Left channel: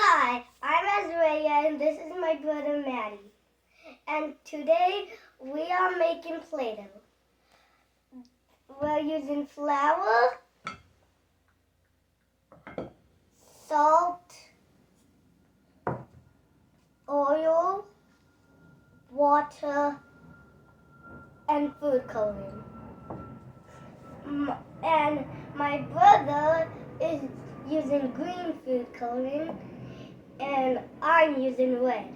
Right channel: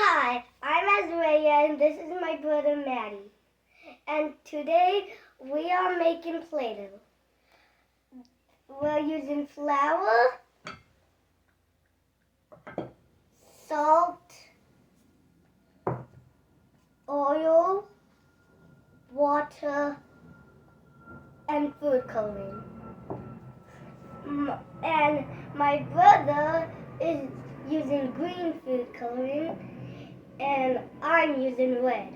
Hi, I'm Azreya and this is my brother Maddie. And today we are making Play-Doh. We're using flour, salt, oil, water, and food coloring. And my brother is using green food coloring and I'm using red.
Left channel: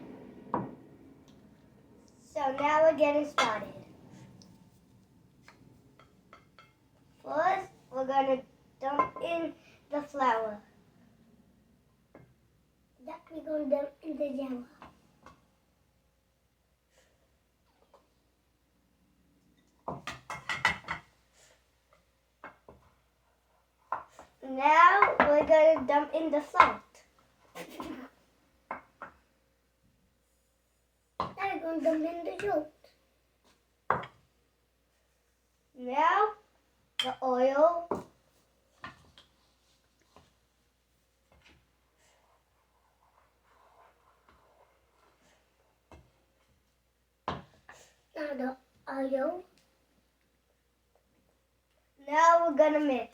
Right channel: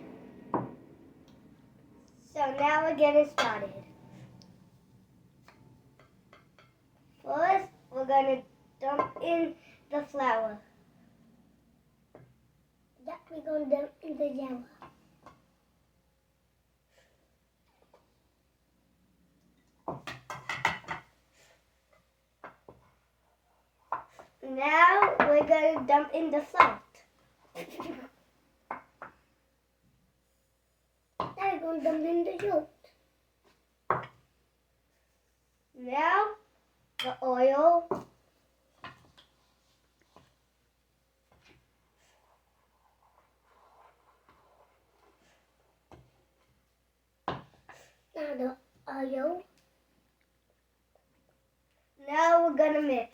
So now we're getting started. First, we're going to dump in the flour. That we're going to dump in the jar. Now we're going to dump in the salt. Now we're going to dump in the salt. Now the oil. Now the oil. Now we're going to mix.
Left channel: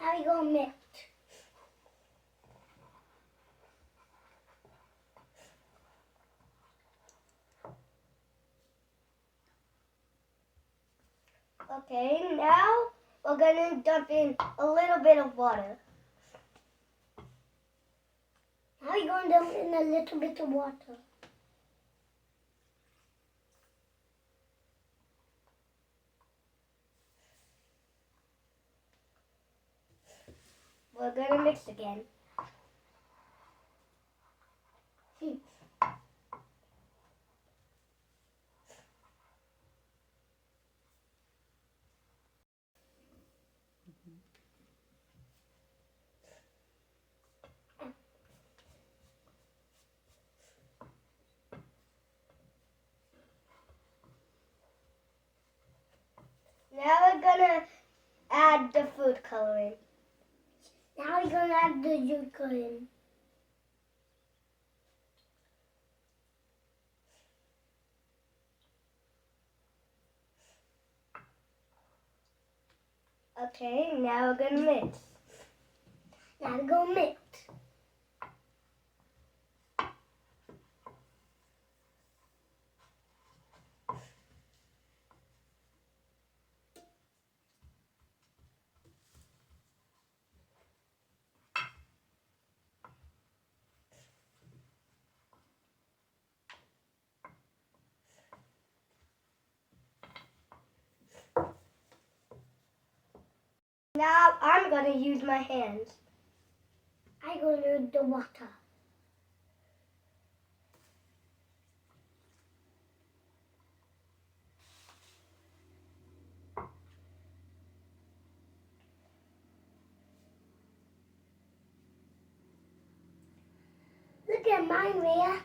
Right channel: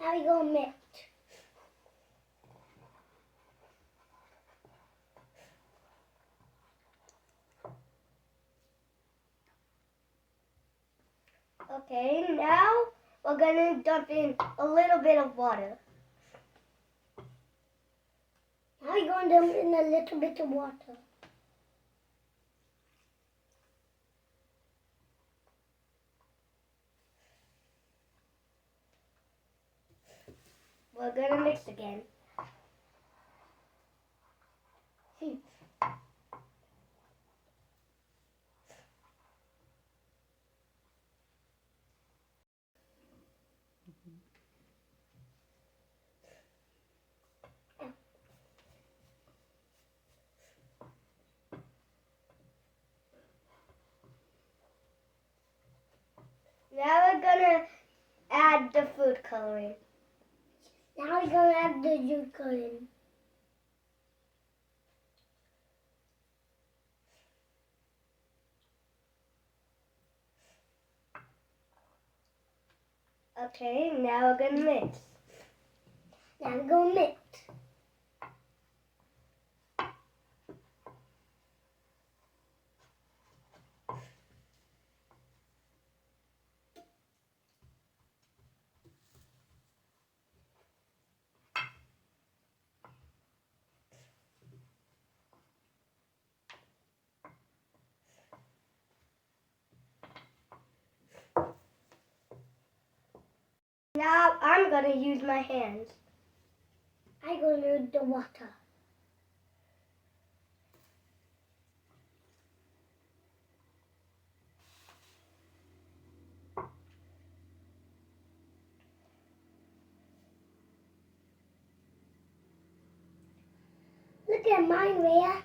Now we're going to mix. Okay, now we're going to dump in a little bit of water. Now we're going to dump in a little bit of water. We're going to mix again. Now we're going to add the food coloring. Now we're going to add the food coloring. Okay, now we're going to mix. Now we're going to mix. Now I'm going to use my hands. I'm going to use the water. Look at mine, Rhea.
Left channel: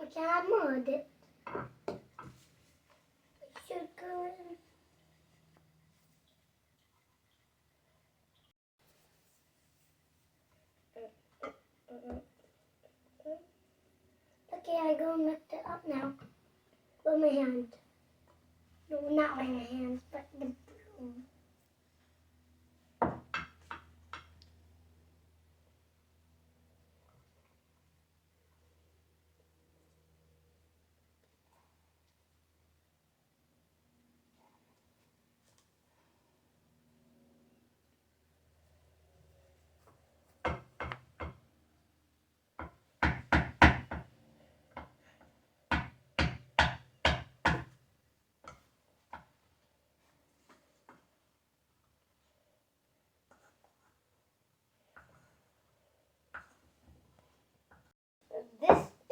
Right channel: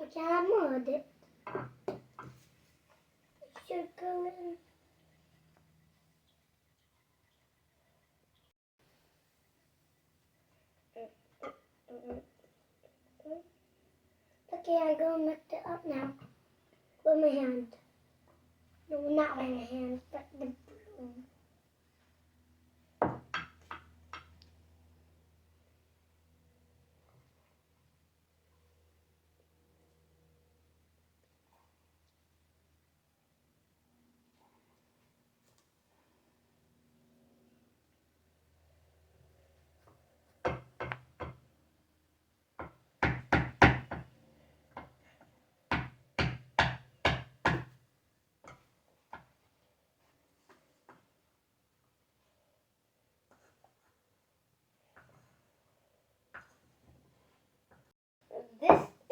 I can't move it. It should go in. Okay, I'm going to mix it up now with my hand. No, not with my hands, but the broom.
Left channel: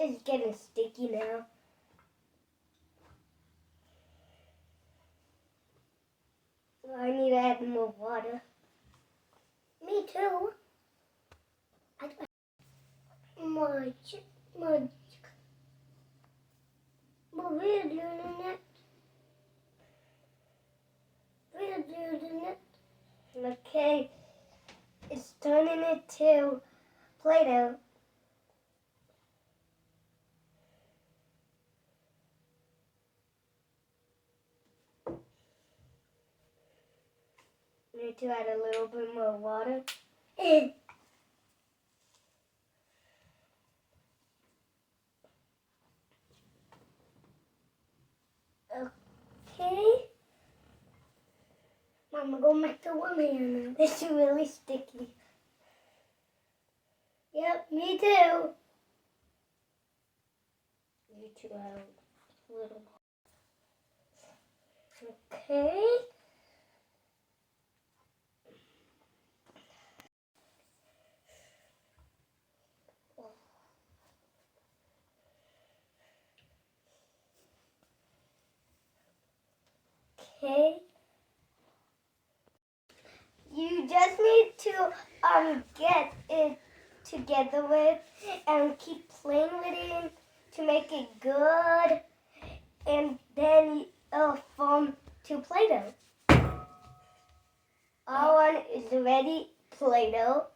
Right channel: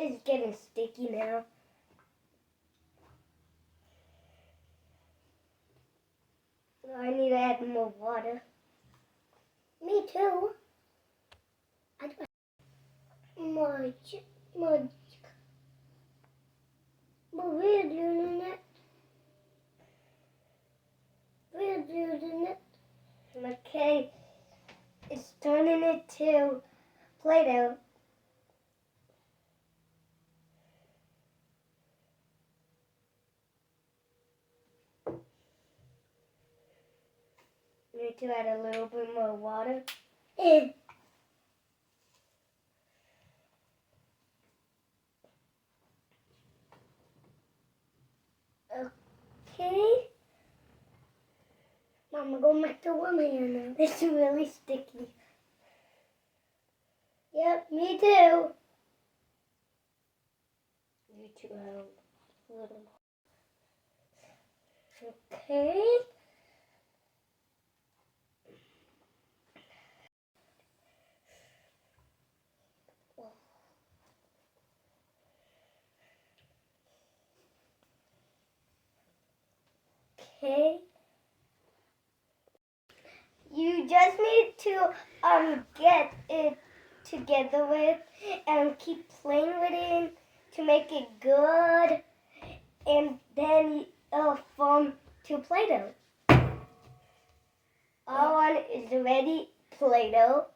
It's getting sticky now. So I need to add more water. Me too. Much. But we're doing it. Okay, it's turning it to Play-Doh. Need to add a little bit more water. Okay. Mama, go make the one hand. It's really sticky. Yep, me too. You two add a little more. Okay. Okay. You just need to get it together with and keep playing with it to make it good, and then it'll form to Play-Doh. Our one is ready, Play-Doh.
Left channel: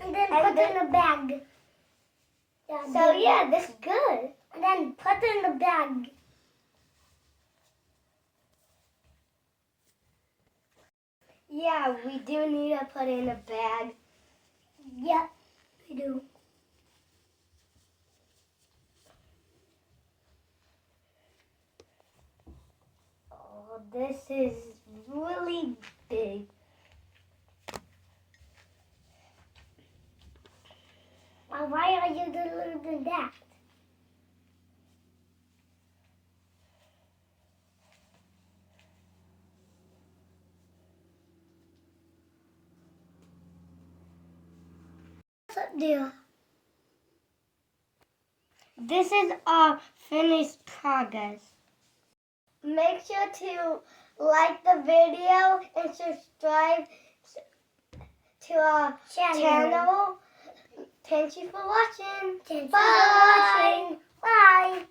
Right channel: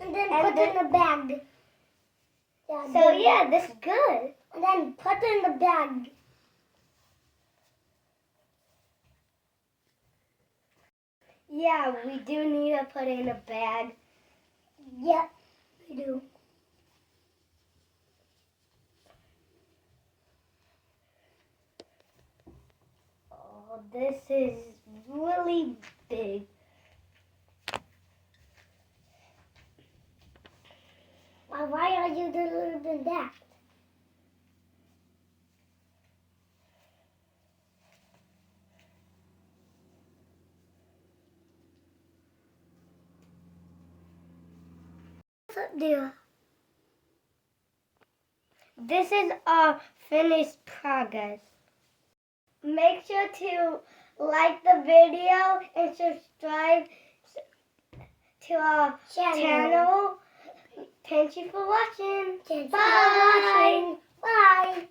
And then put it in the bag. So yeah, this is good. And then put it in the bag. Yeah, we do need to put it in a bag. Yep, we do. Oh, this is really big. Well, why are you doing that? What's up, dear? This is our finished progress. Make sure to like the video and subscribe to our channel. Thank you for watching. Thanks Bye. for watching. Bye.